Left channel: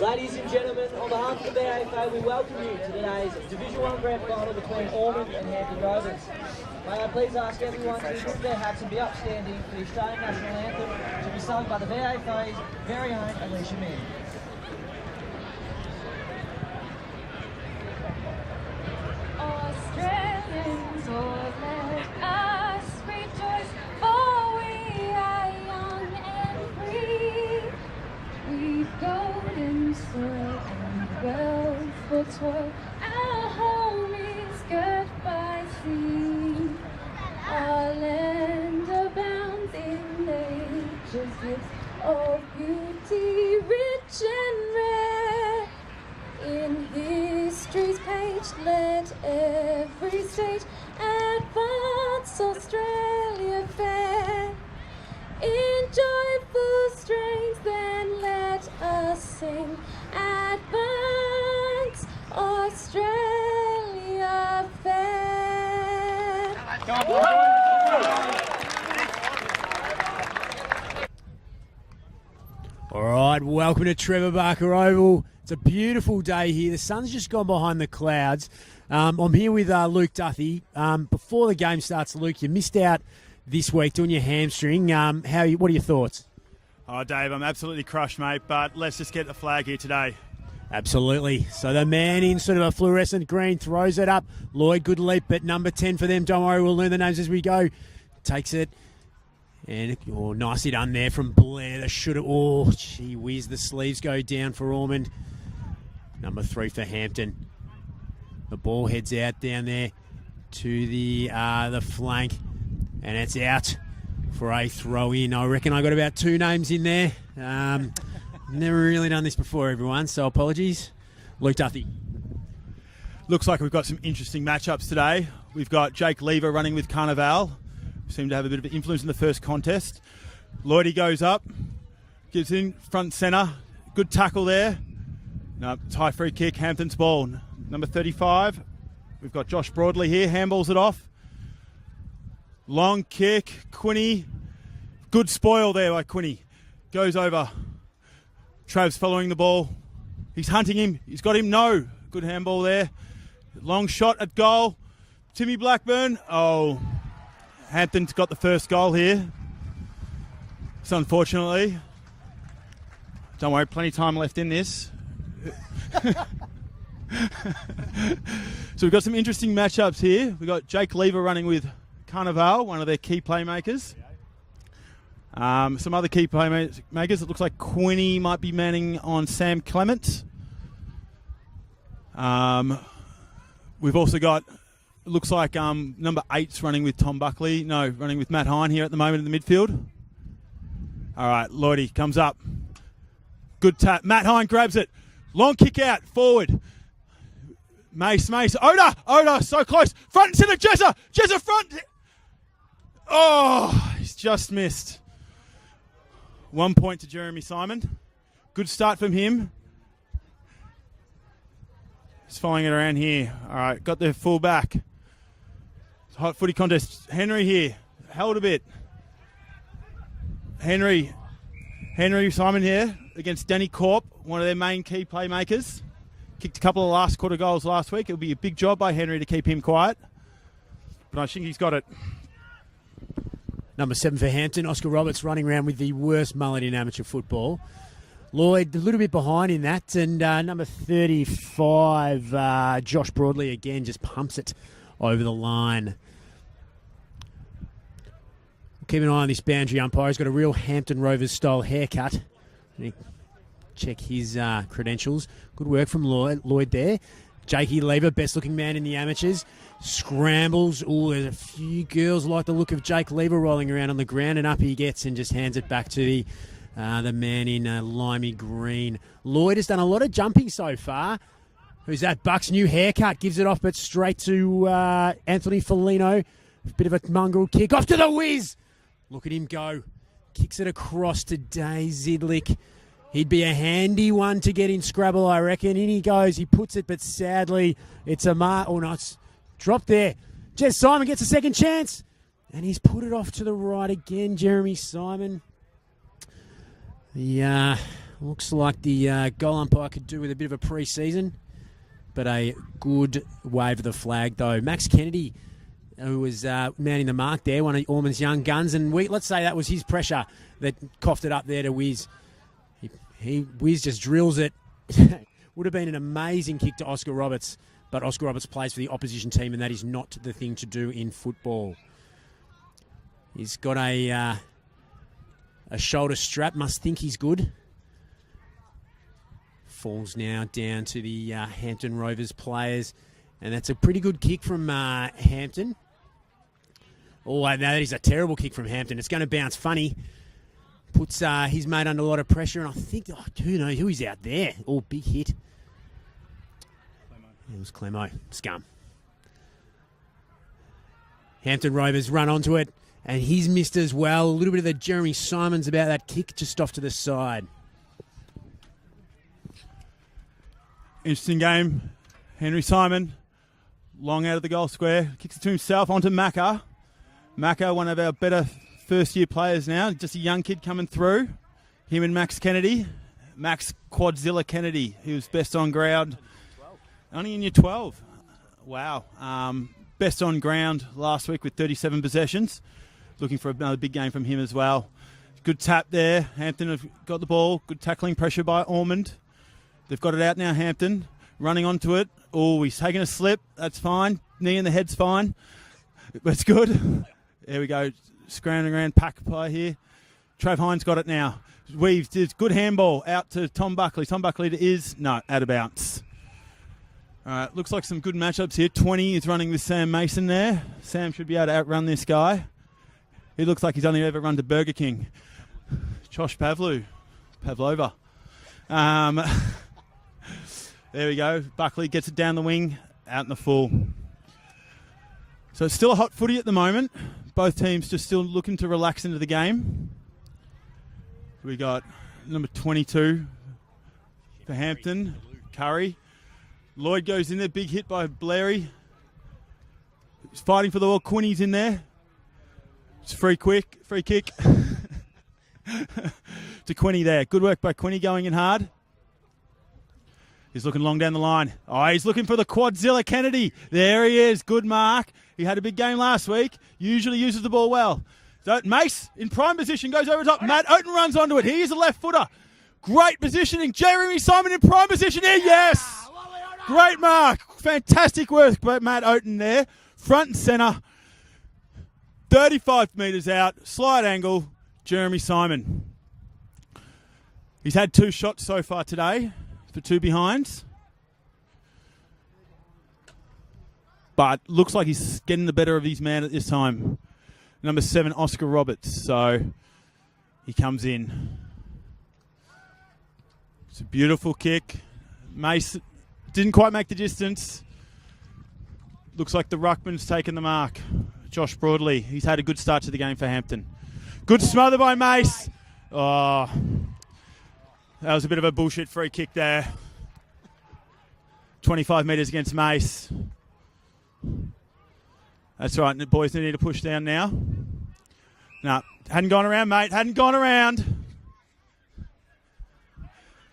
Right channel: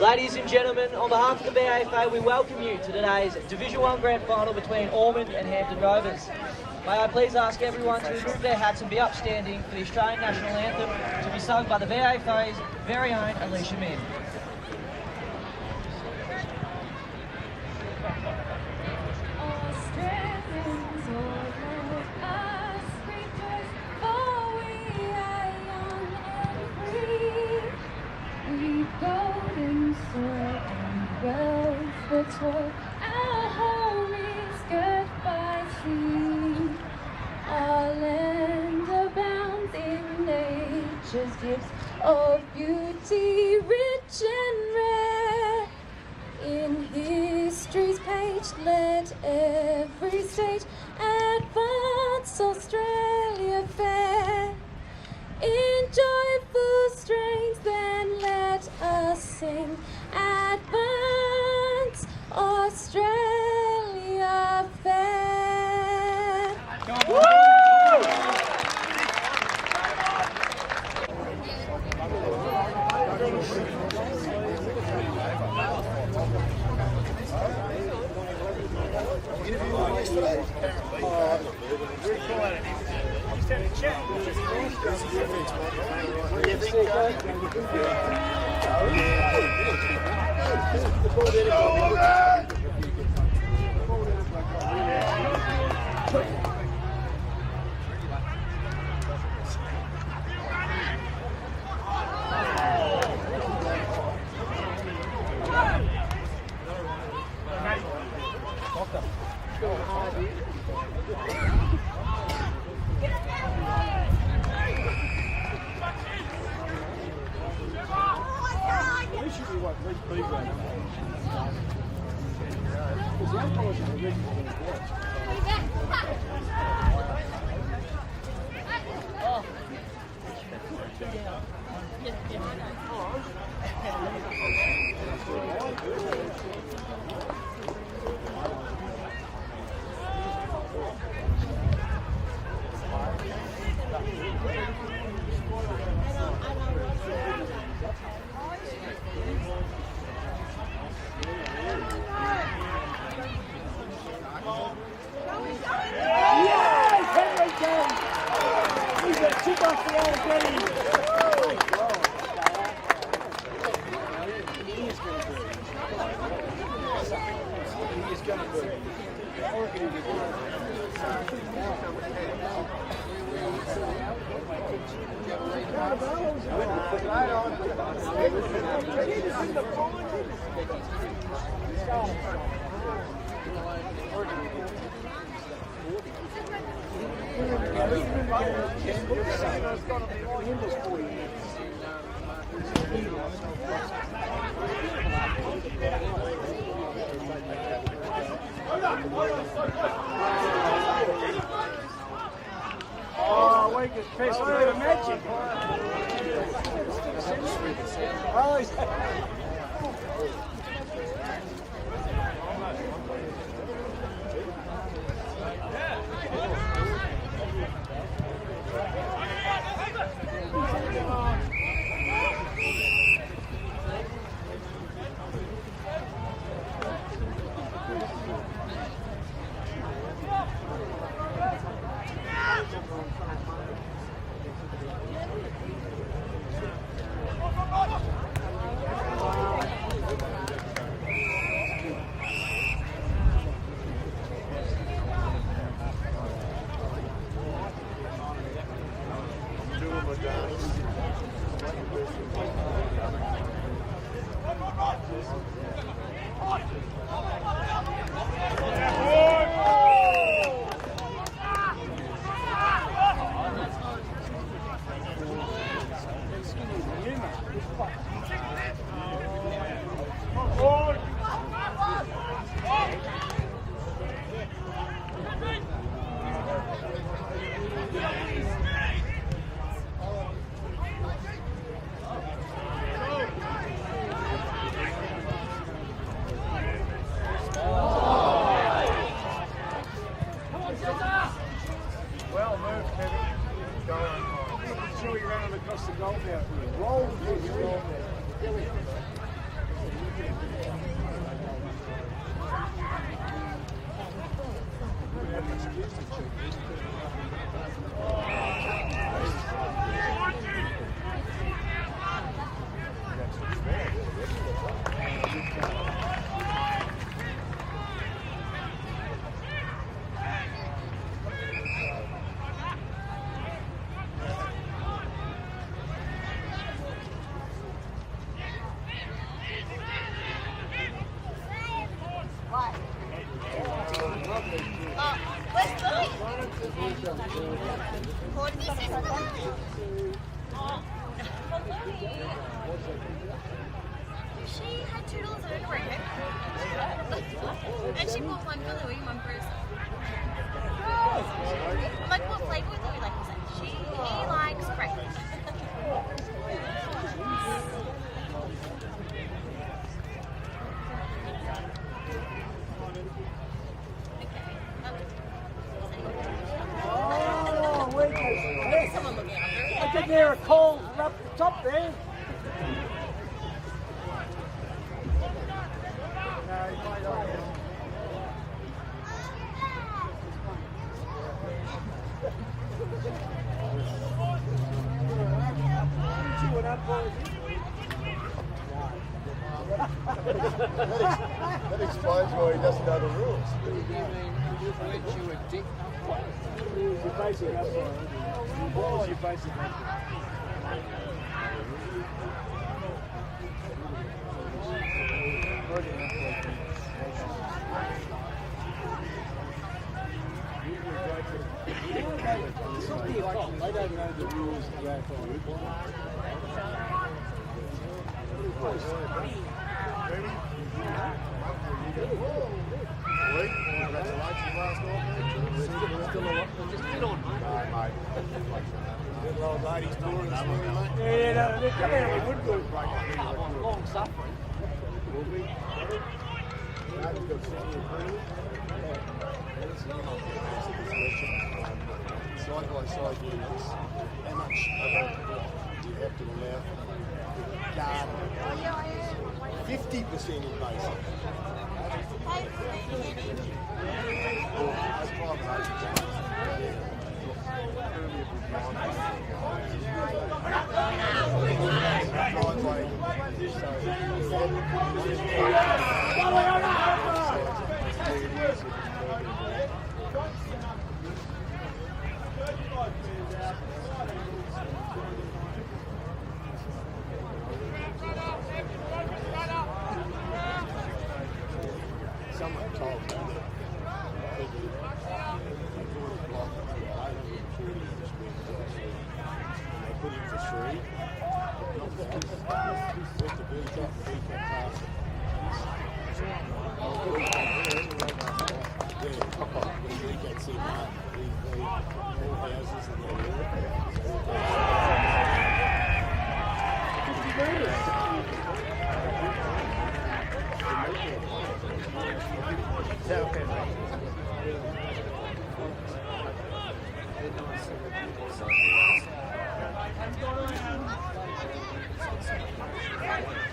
Ladies and gentlemen, on behalf of the BAFA, we welcome you to today's Division 1 Grand Final between Ormond and Hampton Rovers. May I please ask everyone to remove their hats and be upstanding for the Australian National Anthem to be sung by the BAFA's very own Alicia Min. Australians, oh let us rejoice, for we are young and free. We've golden soil and wealth for toil. Our home is girt by sea. Our land abounds in nature's gifts of beauty, rich and rare. In history's page, let every stage advance Australia fair. In joyful strains, then let us sing, advance Australia fair. All right, welcome to Trevor Barker Oval. It's a beautiful day here. The sun's just gone behind the clouds. I'm here with Luke Duffy. Before the game starts, Luke, you missed out this week doing your hamstring. What are your thoughts? Oh, Dave, I'm absolutely crushed, mate, but let's just get the flag here today. Absolutely. So the man in sort of a fluorescent green throws it up. Lloyd, good leap, but number 10 for them. Don't worry, we'll learn the names as we go. Takes it. And nicely done there from Blair. The shooter. Oh, gee whiz, the sleeves go down for Ormond. Number 3 for Hampton. The ball heads out down there to the flank. And it's out for a throw in. I reckon I got about 2 names in there. Never really done this before, everyone, so apologies. Luke Duffy. Looks like we've got some interesting matchups today. We've got Jake Lever running with Carnival. Seemed to have a bit of influence in the first contest. Lloydie goes up, gives in front centre. Good tackle there. High free kick, Hampton's ball. Number 35. We've got Josh Broadley here, handballs it off. Long kick, Quinny. Good spoil there by Quinny. Goes over. Trav's following the ball. He's hunting him. He's got him. No. Good handball there. Long shot at goal. Timmy Blackburn. Oh. Hampton's got the first goal here. It's unfortunately. Don't worry, plenty of time left in this. So we've got some interesting matchups here. We've got Jake Lever running with Carnival, one of their key playmakers. Some other key playmakers. It looks like Quinny might be manning on Sam Clement. We've also got, looks like number 8's running with Tom Buckley. No, running with Matt Hine here at the moment in the midfield. All right, Lloydie comes up. Good tap. Matt Hine grabs it. Long kick out, forward. Mace, Oda, so close. Front center, Jezza front. Oh, just missed. 1 point to Jeremy Simon. Good start from him. He's following it around here. All right, got the full back. Hot footy contest. Henry here, held a bit. Henry Simon here against Danny Corp, one of their main key playmakers. Kicked a couple of last quarter goals last week. It'll be a big job by Henry to keep him quiet. But I think he's got it. Number 7 for Hampton, Oscar Roberts running around with the worst mullet in amateur football. Lloyd a little bit behind in that, and number 35, Josh Broadley again just pumps it over the line. Keep an eye on this boundary umpire. He's got a real Hampton Rovers style haircut. Check his credentials. Good work from Lloyd there. Jakey Lever, best looking man in the amateurs. Scrambles. Oh, and a few girls like the look of Jake Lever rolling around on the ground, and up he gets and just hands it back to the man in limey green. Lloyd has done a lot of jumping so far. There's that Buck's new haircut, gives it off, but straight to Anthony Foligno. Bit of a mungled kick off to the whiz. Look at him go. Kicks it across to Dave Zidlick. He'd be a handy one to get in Scrabble, I reckon. In he goes, he puts it, but sadly, it's a mark. Oh, it's dropped there. Jez Simon gets a second chance. And he's put it off to the right again, Jeremy Simon. Yeah, Looks like the goal umpire could do with a bit of a pre-season, but a good wave of the flag though. Max Kennedy, who was mounting the mark there, one of Ormond's young guns, and let's say that was his pressure that coughed it up there to Wiz. Wiz just drills it. Would have been an amazing kick to Oscar Roberts, but Oscar Roberts plays for the opposition team, and that is not the thing to do in football. He's got a shoulder strap, must think he's good. Falls now down to the Hampton Rovers players, and that's a pretty good kick from Hampton. Oh, no, that is a terrible kick from Hampton. It's going to bounce funny. Puts his mate under a lot of pressure, and I think, who knows who's out there. Oh, big hit. Nice scum. Hampton Rovers run onto it, and he's missed as well. A little bit of the Jeremy Simons about that kick just off to the side. Interesting game. Henry Simon, long out of the goal square, kicks to himself onto Macca. Macca, one of our better first-year players now. Just a young kid coming through. Him and Max Kennedy. Max Quadzilla Kennedy. He was best on ground. Only in year 12. Wow. Best on ground last week with 37 possessions. Looking for another big game from him as well. Good tap there. Hampton have got the ball. Good tackling pressure by Ormond. They've got it out now, Hampton. Running onto it. Oh, he's taking a slip. That's fine. Knee in the head's fine. That's good. There we go. Scrounging around, packed play here. Trav Hines got it now. Weaves, it's good handball out to Tom Buckley. Tom Buckley out of bounds. All right, looks like some good matchups here. 20 is running with Sam Mason there. Sam should be able to outrun this guy. He looks like he's only ever run to Burger King. Josh Pavlova. There we go. Buckley gets it down the wing, out in the full. So it's still a hot footy at the moment. Both teams just still looking to relax into the game. We got number 22 for Hampton, Curry. Lloyd goes in there, big hit by Blairy. He's fighting for the ball. Quinny's in there. It's free kick. To Quinny there. Good work by Quinny going in hard. He's looking long down the line. Oh, he's looking for the Quadzilla Kennedy. There he is. Good mark. He had a big game last week. Usually uses the ball well. Mace in prime position goes over the top. Matt Oaten runs onto it. He is a left footer. Great positioning. Jeremy Simon in prime position. Yes! Great mark. Fantastic work by Matt Oaten there. Front and centre. 35 metres out. Slide angle. Jeremy Simon. He's had 2 shots so far today for 2 behinds. But looks like he's getting the better of his man at this time. Number 7, Oscar Roberts. So he comes in. Beautiful kick. Mace didn't quite make the distance. Looks like the ruckman's taken the mark. Josh Broadley. He's had a good start to the game for Hampton. Good smother by Mace. Oh, that was a bit of a bullshit free kick there. 25 metres against Mace. That's right, the boys need to push down now. No, hadn't gone around, mate. Hadn't gone around.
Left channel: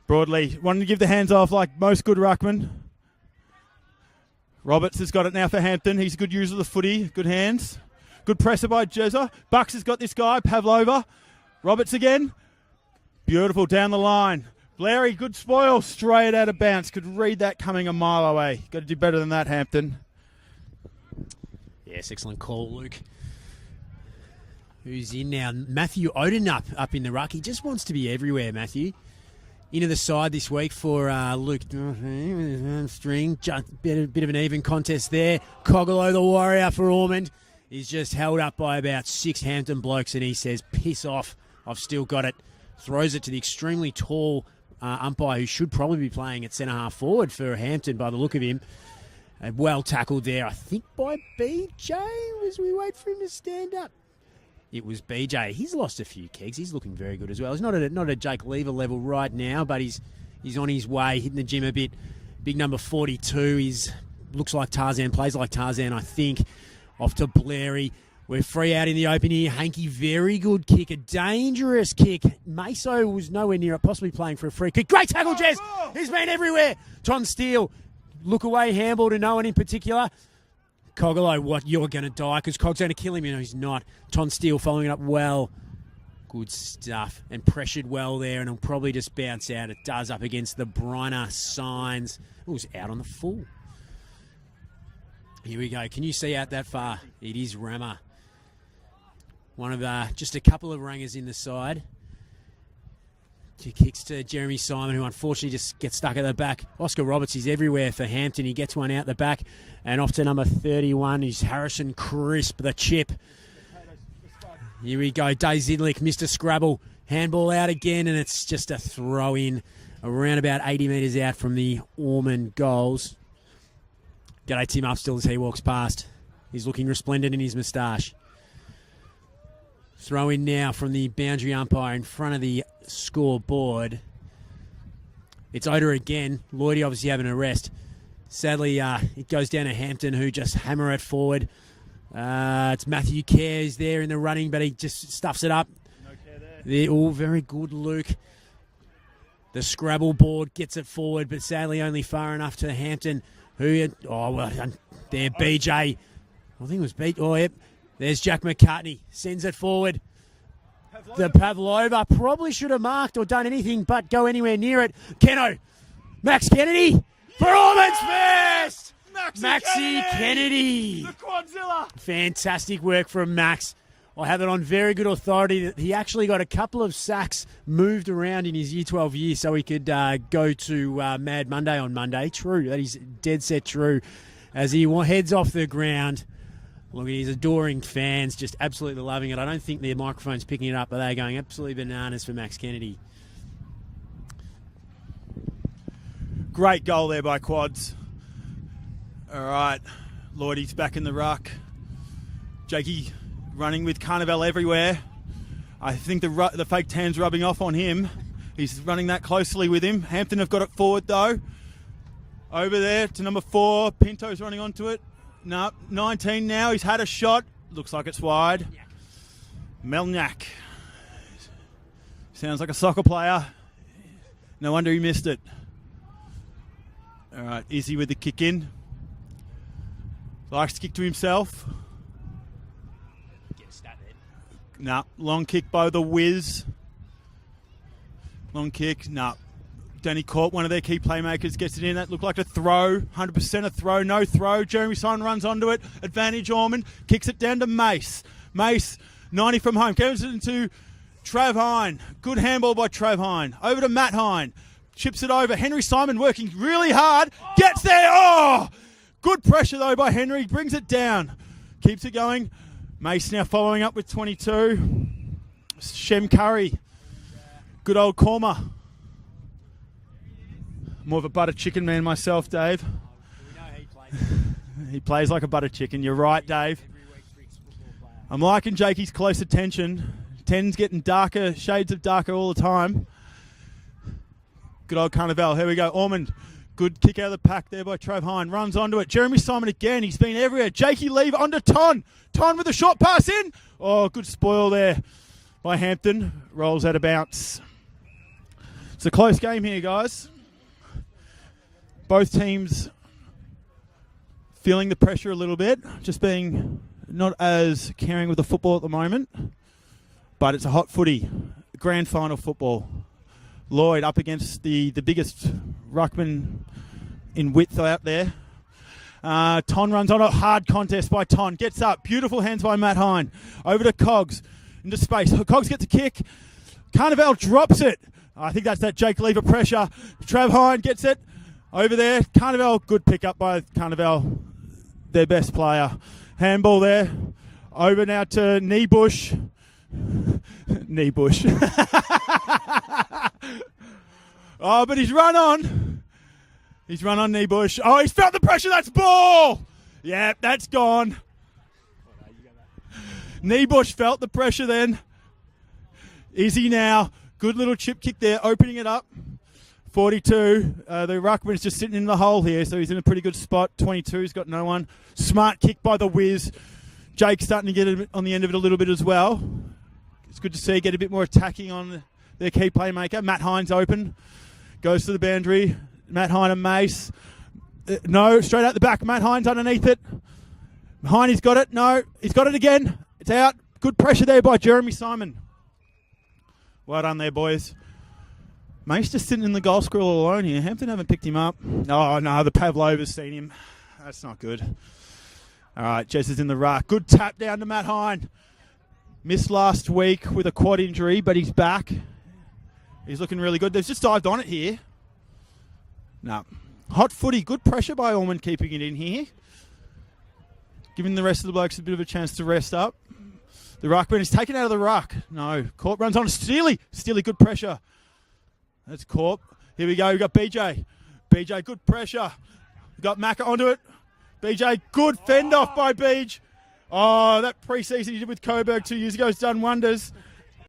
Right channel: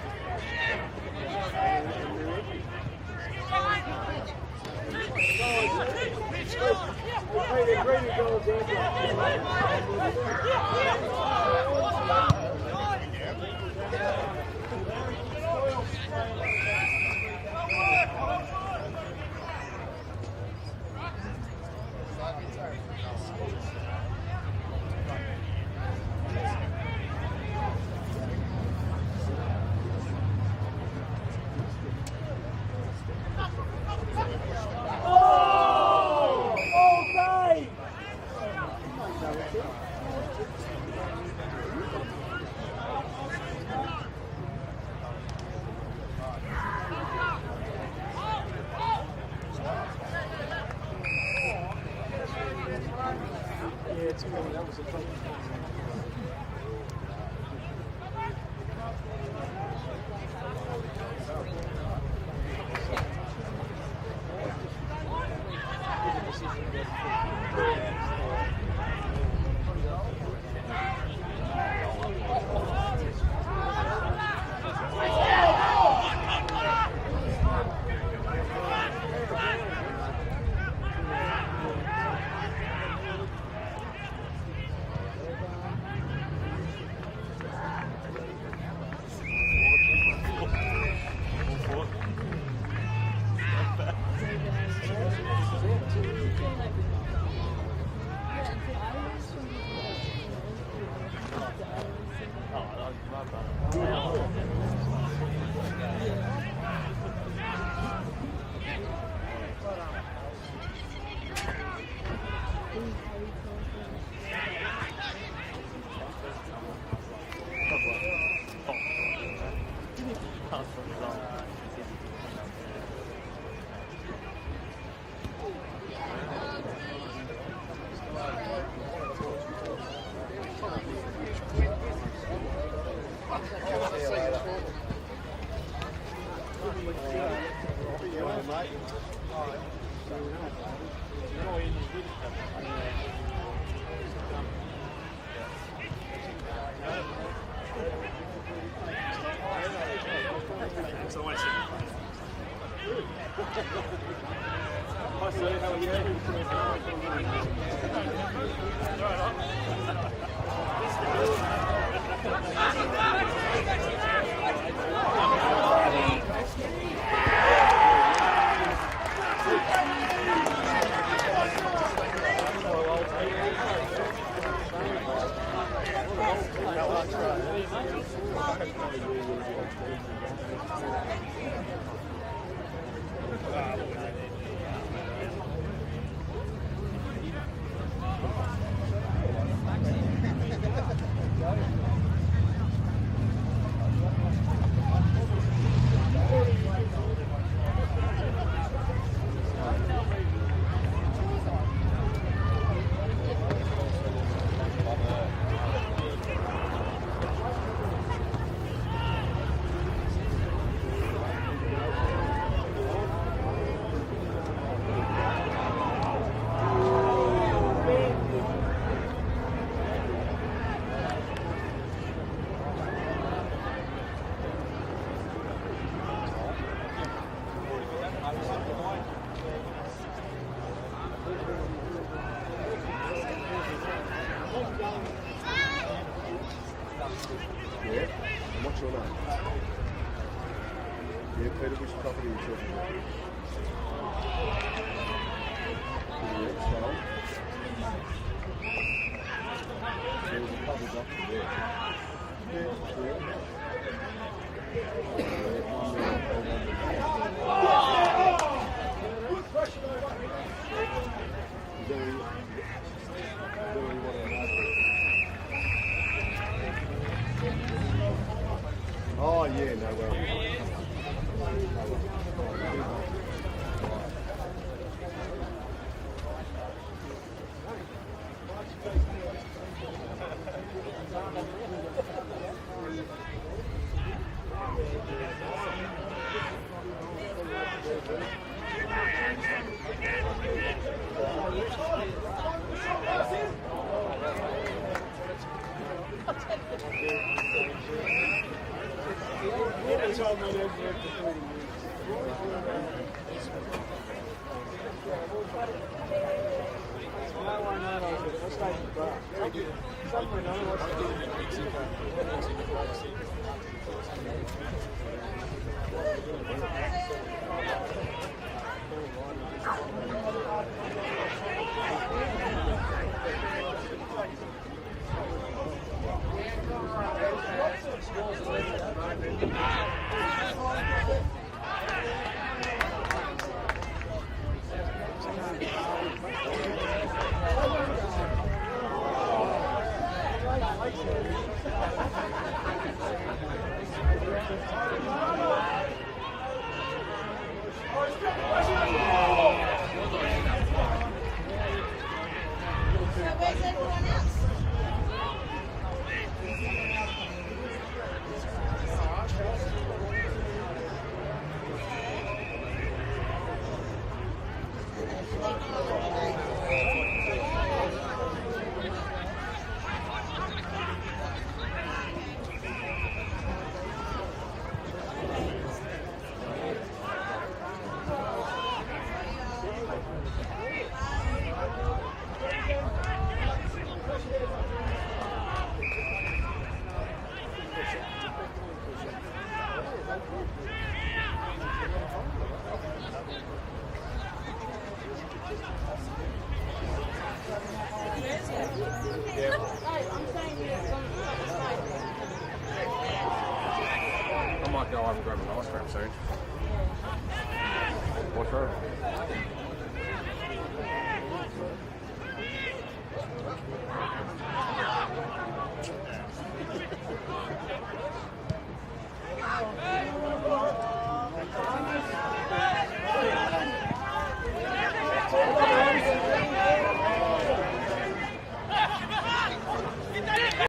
Broadley wanting to give the hands off like most good ruckmen. Roberts has got it now for Hampton. He's a good user of the footy. Good hands. Good presser by Jezza. Bucks has got this guy, Pavlova. Roberts again. Beautiful down the line. Larry, good spoil. Straight out of bounds. Could read that coming a mile away. Got to do better than that, Hampton. Yes, excellent call, Luke. Who's in now? Matthew Oden up in the ruck. He just wants to be everywhere, Matthew. Into the side this week for Luke. String. Just a bit of an even contest there. Cogolo, the warrior for Ormond. He's just held up by about 6 Hampton blokes, and he says, piss off. I've still got it. Throws it to the extremely tall umpire, who should probably be playing at centre-half forward for Hampton by the look of him. And well tackled there, I think, by BJ as we wait for him to stand up. It was BJ. He's lost a few kicks. He's looking very good as well. He's not at a Jake Lever level right now, but he's on his way, hitting the gym a bit. Big number 42. Looks like Tarzan, plays like Tarzan, I think. Off to Blairy. We're free out in the open here. Hanky, very good kick, a dangerous kick. Maso was nowhere near it, possibly playing for a free kick. Great tackle, Jez! He's been everywhere. Ton Steele, look away handball to no one in particular. Cogolo, what, you're going to die, because Cog's going to kill him, he's not. Ton Steele following it up well. Good stuff, and pressured well there, and it'll probably just bounce out. It does up against the Bryner signs. It was out on the foot. Here we go. Can you see out that far? It is Rama. One of just a couple of rangers in the side. Kicks to Jeremy Simon, who unfortunately just gets stuck at the back. Oscar Roberts is everywhere for Hampton. He gets one out the back, and off to number 31 is Harrison Crisp, the chip. Here we go, Dave Zidlick, Mr. Scrabble. Handball out again, and it's just a throw in around about 80 metres out from the Ormond goals. G'day Tim Upstill as he walks past. He's looking resplendent in his moustache. Throw in now from the boundary umpire in front of the scoreboard. It's Oda again. Lloydie obviously having a rest. Sadly, it goes down to Hampton, who just hammer it forward. It's Matthew Cares there in the running, but he just stuffs it up. They're all very good, Luke. The Scrabble board gets it forward, but sadly only far enough to Hampton. There, BJ. I think it was beat. Oh, yep. There's Jack McCartney. Sends it forward. The Pavlova probably should have marked or done anything but go anywhere near it. Keno. Max Kennedy. Performance first. Maxie Kennedy. Fantastic work from Max. I have it on very good authority that he actually got a couple of sacks moved around in his Year 12 year so he could go to Mad Monday on Monday. True, that is dead set true. As he heads off the ground, his adoring fans just absolutely loving it. I don't think their microphone's picking it up, but they're going absolutely bananas for Max Kennedy. Great goal there by Quads. All right, Lloydie's back in the ruck. Jakey running with Carnival everywhere. I think the fake tan's rubbing off on him. He's running that closely with him. Hampton have got it forward though. Over there to number 4. Pinto's running onto it. No, 19 now. He's had a shot. Looks like it's wide. Melniak. Sounds like a soccer player. No wonder he missed it. All right, Izzy with the kick in. Likes to kick to himself. No, long kick by the Wiz. Long kick, no. Danny caught one of their key playmakers, gets it in. That looked like a throw, 100% a throw, no throw. Jeremy Simon runs onto it. Advantage Ormond, kicks it down to Mace. Mace, 90 from home, gives it into Trav Hine. Good handball by Trav Hine. Over to Matt Hine. Chips it over. Henry Simon working really hard. Gets there. Oh! Good pressure though by Henry. Brings it down. Keeps it going. Mace now following up with 22. Shem Curry. Good old Korma. Oh, yeah, no way. More of a butter chicken man myself, Dave. He plays like a butter chicken. You're right, Dave. I'm liking Jakey's close attention. 10's getting darker, shades of darker all the time. Good old Carnival. Here we go. Ormond. Good kick out of the pack there by Trav Hine. Runs onto it. Jeremy Simon again. He's been everywhere. Jakey leave onto Ton. Ton with a short pass in. Oh, good spoil there by Hampton. Rolls out of bounce. It's a close game here, guys. Both teams feeling the pressure a little bit. Just being not as caring with the football at the moment. But it's a hot footy. Grand final football. Lloyd up against the biggest ruckman in width out there. Ton runs on a hard contest by Ton. Gets up. Beautiful hands by Matt Hine. Over to Cogs. Into space. Cogs gets a kick. Carnival drops it. I think that's that Jake Lever pressure. Trav Hine gets it. Over there. Carnival. Good pick up by Carnival. Their best player. Handball there. Over now to Kneebush. Kneebush. Oh, but he's run on. He's run on Kneebush. Oh, he's felt the pressure. That's ball. Yeah, that's gone. Kneebush felt the pressure then. Izzy now. Good little chip kick there, opening it up. 42. The ruckman's just sitting in the hole here, so he's in a pretty good spot. 22's got no one. Smart kick by the Wiz. Jake's starting to get it on the end of it a little bit as well. It's good to see, get a bit more attacking on their key playmaker. Matt Hines open, goes to the boundary. Matt Hines and Mace. No, straight out the back. Matt Hines underneath it. Hiney's got it. No, he's got it again. It's out. Good pressure there by Jeremy Simon. Well done there, boys. Mace just sitting in the goal squirrel alone here. Hampton haven't picked him up. Oh, no, the Pavlova's seen him. That's not good. All right, Jess is in the ruck. Good tap down to Matt Hine. Missed last week with a quad injury, but he's back. He's looking really good. They've just dived on it here. No. Hot footy, good pressure by Ormond keeping it in here. Giving the rest of the blokes a bit of a chance to rest up. The ruckman is taken out of the ruck. No, Corp runs on Steely. Steely, good pressure. That's Corp. Here we go, we've got BJ. BJ, good pressure. We've got Macca onto it. BJ, good fend off by Beach. Oh, that pre-season he did with Coburg 2 years ago has done wonders.